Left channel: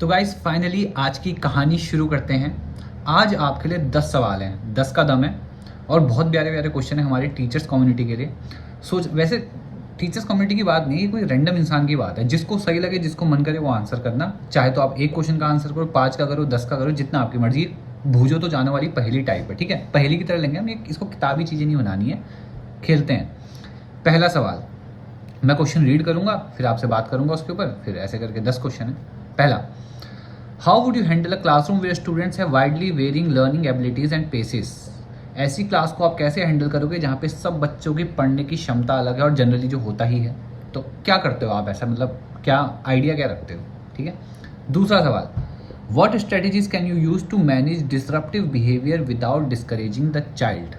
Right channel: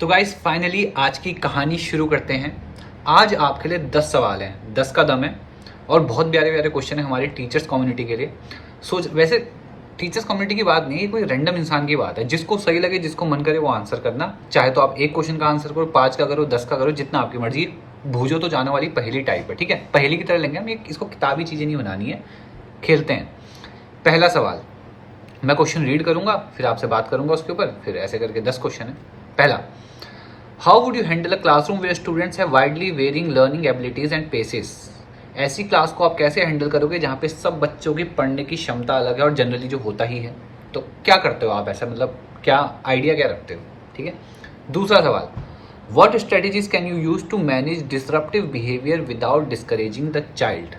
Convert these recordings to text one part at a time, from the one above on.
तो guys finally आज की कहानी शुरू करते हैं। आज आपके लिए 10 सवाल हैं, 10 का दम है और बहुत प्यारे प्यारे क्वेश्चन है हमारी टीचर्स कम्युनिटी के लिए। वैसे टीचर्स कम्युनिटी की बात नहीं है, कोई रैंडम इंसान की बात है। जिसको सही लगे, जिसको मन करे वो आंसर करना। चाहे तो आप एक क्वेश्चन का आंसर करो, 5 का करो, 10 का करो, जितना आपकी मर्जी। भूजो तो जाने वाली पहेली टाइप है, ठीक है। पहेली की तरह लेंगे हम, इसको किताबी चीज़ें नहीं बनानी है। खेलते हैं। पहला सवाल, मैं क्वेश्चन रीड करूंगा, फिर आपसे बात करूंगा उसके ऊपर, फिर ऐसे करके 10 क्वेश्चन है। पहला, how would you handle a classroom where students have widely varying learning abilities and paces. ऐसी क्लास को आप कैसे हैंडल करोगे जहाँ पे सब बच्चों की पढ़ने की क्षमता अलग है और जनरली जो होता ही है। तो क्या करते हो आप ऐसा, मतलब क्या आइडिया क्या रखते हो, ठीक है। दूसरा सवाल, what strategies can you use to manage disruptive behaviour without discouraging the child.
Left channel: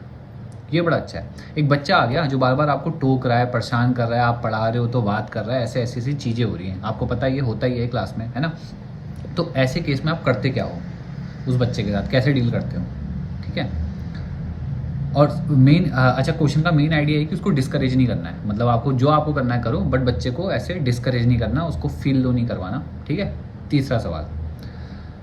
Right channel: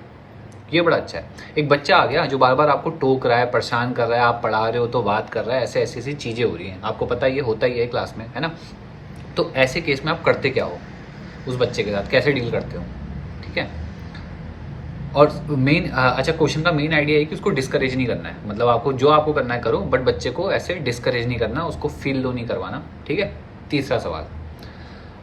ये बड़ा अच्छा है। एक बच्चा आ गया जो बार बार आपको टोक रहा है, परेशान कर रहा है, आप पढ़ा रहे हो तो बात कर रहा है, ऐसे ऐसी चीज़ें हो रही हैं, आपको पता है ये होता ही है क्लास में, है ना। तो ऐसे केस में आप करते क्या हो, उस बच्चे के साथ कैसे डील करते हो, ठीक है। और मेन अच्छा, क्वेश्चन का मेन आइडिया है कि उसको डिस्करेज नहीं करना है। मतलब आपको करना है करो, बट बच्चे को ऐसे डिस्करेज नहीं करना, उसको फील लो नहीं करवाना, ठीक है। तीसरा सवाल,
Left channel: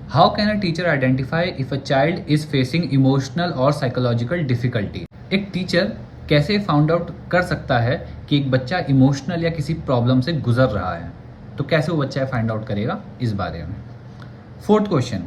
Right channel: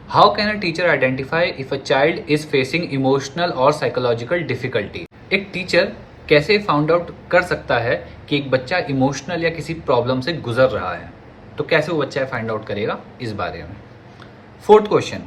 how can a teacher identify if a child is facing emotional और साइकोलॉजिकल डिफिकल्टी। एक टीचर कैसे फाउंड आउट कर सकता है कि एक बच्चा इमोशनल या किसी प्रॉब्लम से गुजर रहा है। तो कैसे वो बच्चा फाइंड आउट करेगा, इस बारे में। Fourth question,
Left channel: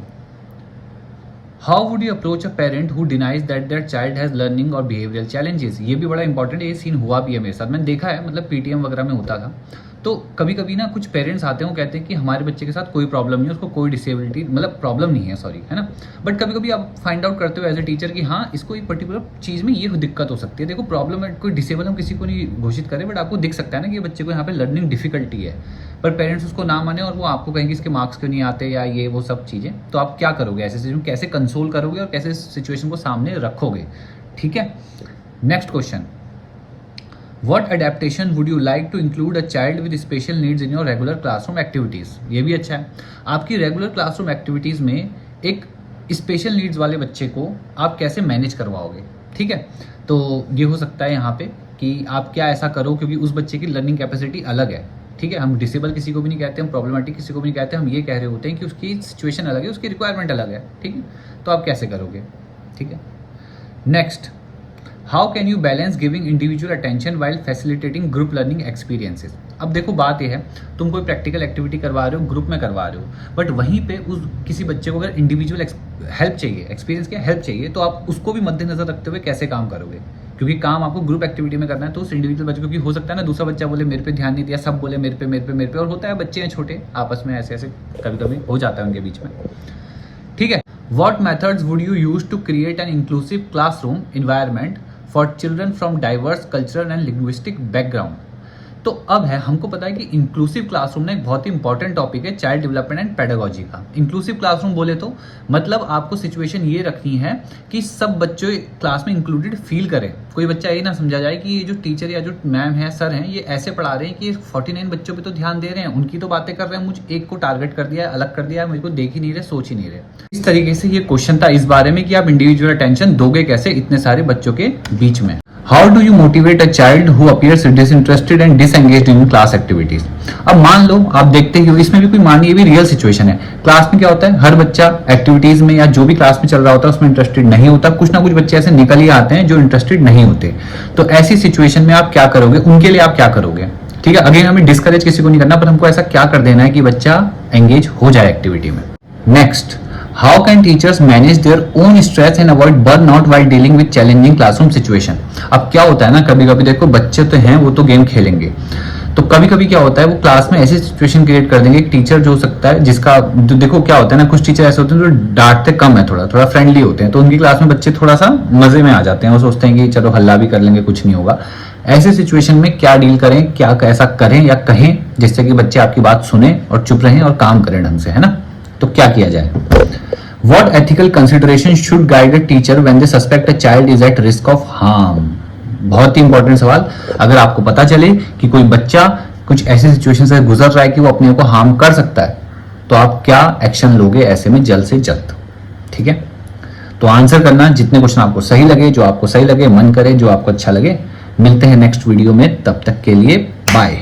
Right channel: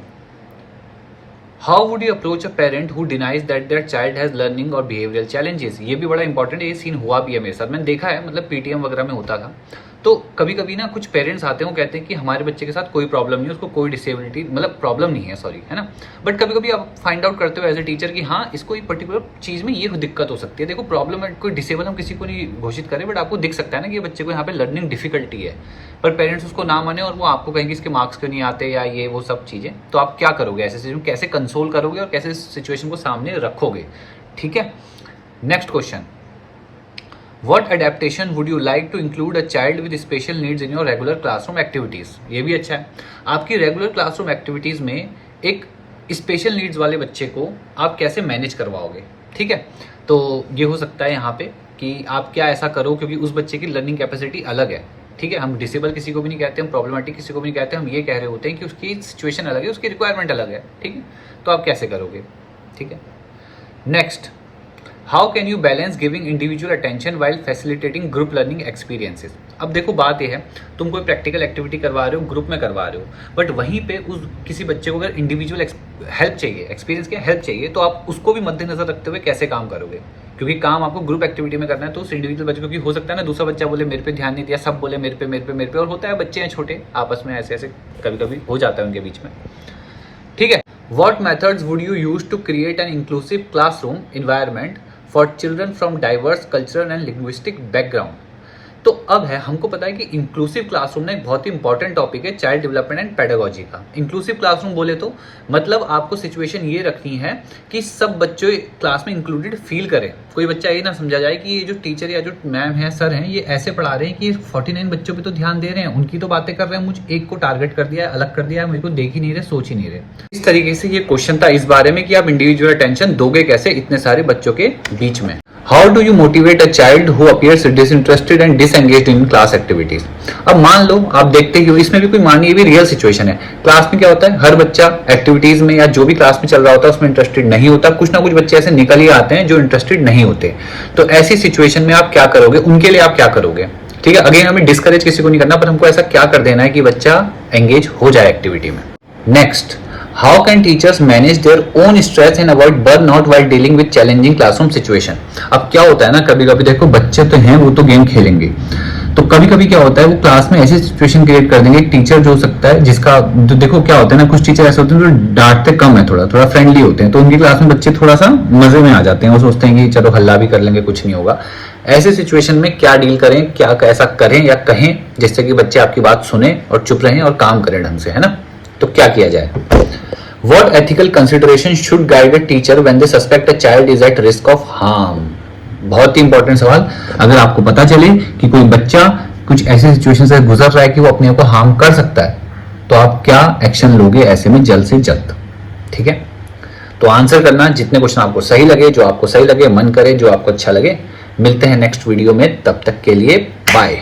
how would you approach a parent who denies that their child has learning और बिहेवियरल चैलेंजेस। ये भी बड़ा इंपॉर्टेंट है, ये सीन हुआ भी है मेरे साथ, मैंने देखा है, मतलब पीटीएम वगैरह में होता था। तो कभी कभी ना कुछ पेरेंट्स आते हैं, वो कहते हैं कि हमारे बच्चे के साथ कोई प्रॉब्लम नहीं है, उसको कोई डिसेबिलिटी मतलब प्रॉब्लम नहीं है, सॉरी, है ना। बट कभी कभी आप फाइंड आउट करते हो एज ए टीचर कि हाँ इसको एक पर्टिकुलर चीज़ में ये दिक्कत हो सकती है। देखो प्रॉब्लम है, कोई डिसेबल हम किसी को नहीं घोषित करें, बट आपको दिख सकता है ना कि ये बच्चे को यहाँ पे लर्निंग डिफिकल्टी है, पर पेरेंट्स उसको ना माने और वो आपको कहेंगे इसके मार्क्स क्यों नहीं आते या ये वो सब चीज़ें। तो आप क्या करोगे ऐसे सिचुएशन, कैसे कंसोल करोगे और कैसे सिचुएशन को सामने रखोगे, ठीक है। Next question, What adaptation would you like to include a child with special needs in your regular classroom activities? ये भी अच्छा है। आपकी रेगुलर क्लासरूम एक्टिविटीज़ में एक स्पेशल नीड्स वाले बच्चे को आप कैसे मैनेज करवाओगे, ठीक है। तो ये हो सकता है यहाँ पे कि आप क्या ऐसा करो, क्योंकि उस बच्चे की लर्निंग कैपेसिटी अलग है, ठीक है। हम डिसेबल किसी को भी नहीं कहते, हम प्रॉब्लमेटिक किसी को भी नहीं कहते, हम ये कह रहे होते हैं कि उसकी सिचुएशन अलग है, उसकी रिक्वायरमेंट अलग है, ठीक है। तो आप कैसे करोगे, ठीक है। Next, how can you balance giving individual attention while facilitating group learning experiences. अब देखो बात यह है, तुम कोई प्रैक्टिकल एक्टिविटी करवा रहे हो, ग्रुप में करवा रहे हो, बट वहीं पे उस किसी बच्चे को अगर इंडिविजुअल हेल्प चाहिए, एक्सपीरियंस क्या हेल्प चाहिए, तो आप उसको भी मद्देनजर रखते हुए कैसे काम करोगे। क्योंकि काम आपको ग्रुप एक्टिविटी में करना है, तो उस इंडिविजुअल बच्चे, क्योंकि हो सकता है ना दूसरा बच्चा बोले मेरे पे ध्यान नहीं दिया, सब बोले मेरे पे, और होता है बच्चे हैं छोटे, आपस में ऐसे ऐसे कभी कभी हो जाता है उनके बीच में, ठीक है। What methods would you use to create an inclusive classroom environment for children from diverse cultural and linguistic background. तो अब है, हमको पता है कि इंक्लूसिव क्लासरूम ना एक बहुत ही इंपॉर्टेंट टॉपिक है चाइल्ड डेवलपमेंट एंड पेडागोजी का। इंक्लूसिव क्लासरूम बोले तो मतलब आपको सिचुएशन ये रखनी है कि सब बच्चे क्लास में इंक्लूडेड फील करें। कोई बच्चा ये ना समझा जाए कि ये जो टीचर या जो मैम है, सर हैं, ये ऐसे पढ़ा रहे हैं कि 49 बच्चों पे तो ध्यान दे रहे हैं, उनकी तो बातें कर रहे हैं, मुझ एक को टारगेट कर दिया है, अलग कर दिया है, मुझे को देख ही नहीं रहे, सोच ही नहीं रहे। इस तरीके से ये क्वेश्चन था इस बारे में कि आप इंडिविजुअल अटेंशन दोगे कैसे इतने सारे बच्चों के बीच में। How do you motivate a child who appears disinterested and disengaged in class activities? अब मान लो आप देखते ही हो, इसमें भी कोई मानिए ये भी रियल सिचुएशन है। क्लास में क्या होता है, हर बच्चा एक्टिविटीज में या जो भी क्लास में चल रहा होता है उसमें इंटरेस्टेड नहीं होता। कुछ ना कुछ बच्चे ऐसे निकल ही आते हैं जो इंटरेस्टेड नहीं होते। तो ऐसी सिचुएशन में आप क्या करोगे, उनके लिए आप क्या करोगे, ठीक है। अगेन हमें डिस्करेज किसी को नहीं करना, पर हमको ऐसा क्या कर देना है कि बच्चा एंगेज हो जाए एक्टिविटी में। Next, how can teachers manage their own stress and avoid burnout while dealing with challenging classroom situation. अब क्या होता है ना, कभी कभी देखो बच्चे तो हैं वो तो गेम खेलेंगे, तो कभी कभी क्या होता है वो क्लास में ऐसी सिचुएशन क्रिएट कर देंगे। एक टीचर जो हो सकता है जिसका देखो क्या होता है ना, कुछ टीचर ऐसे होते हैं जो डांटते कम है, थोड़ा फ्रेंडली होते हैं, तो उनकी क्लास में बच्चे थोड़ा सा मजे में आ जाते हैं, वो सोचते हैं कि चलो हल्ला भी कर लेंगे, कुछ नहीं होगा। ऐसे सिचुएशन में क्या डील करें, क्या ऐसा करें या कहें जिससे कि बच्चे आपकी बात सुने और चुप रहें और काम करें ढंग से, है ना। तो क्या किया जाए। What ethical consideration should guide a teacher when they suspect a child is at risk of harm? बहुत ही इंपॉर्टेंट सवाल। अगर आपको पता चले कि कोई बच्चा कुछ ऐसे सिचुएशन से गुजर रहा है कि वो अपने आप को हार्म कर सकता है, तो आप क्या एक्शन लोगे ऐसे में जल्द से जल्द, ठीक है। तो आंसर करना जितने क्वेश्चन आपको सही लगे, जो आपको सही लगे, मन करे, जो आपको अच्छा लगे। मिलते हैं नेक्स्ट वीडियो में, तब तक के लिए बाय।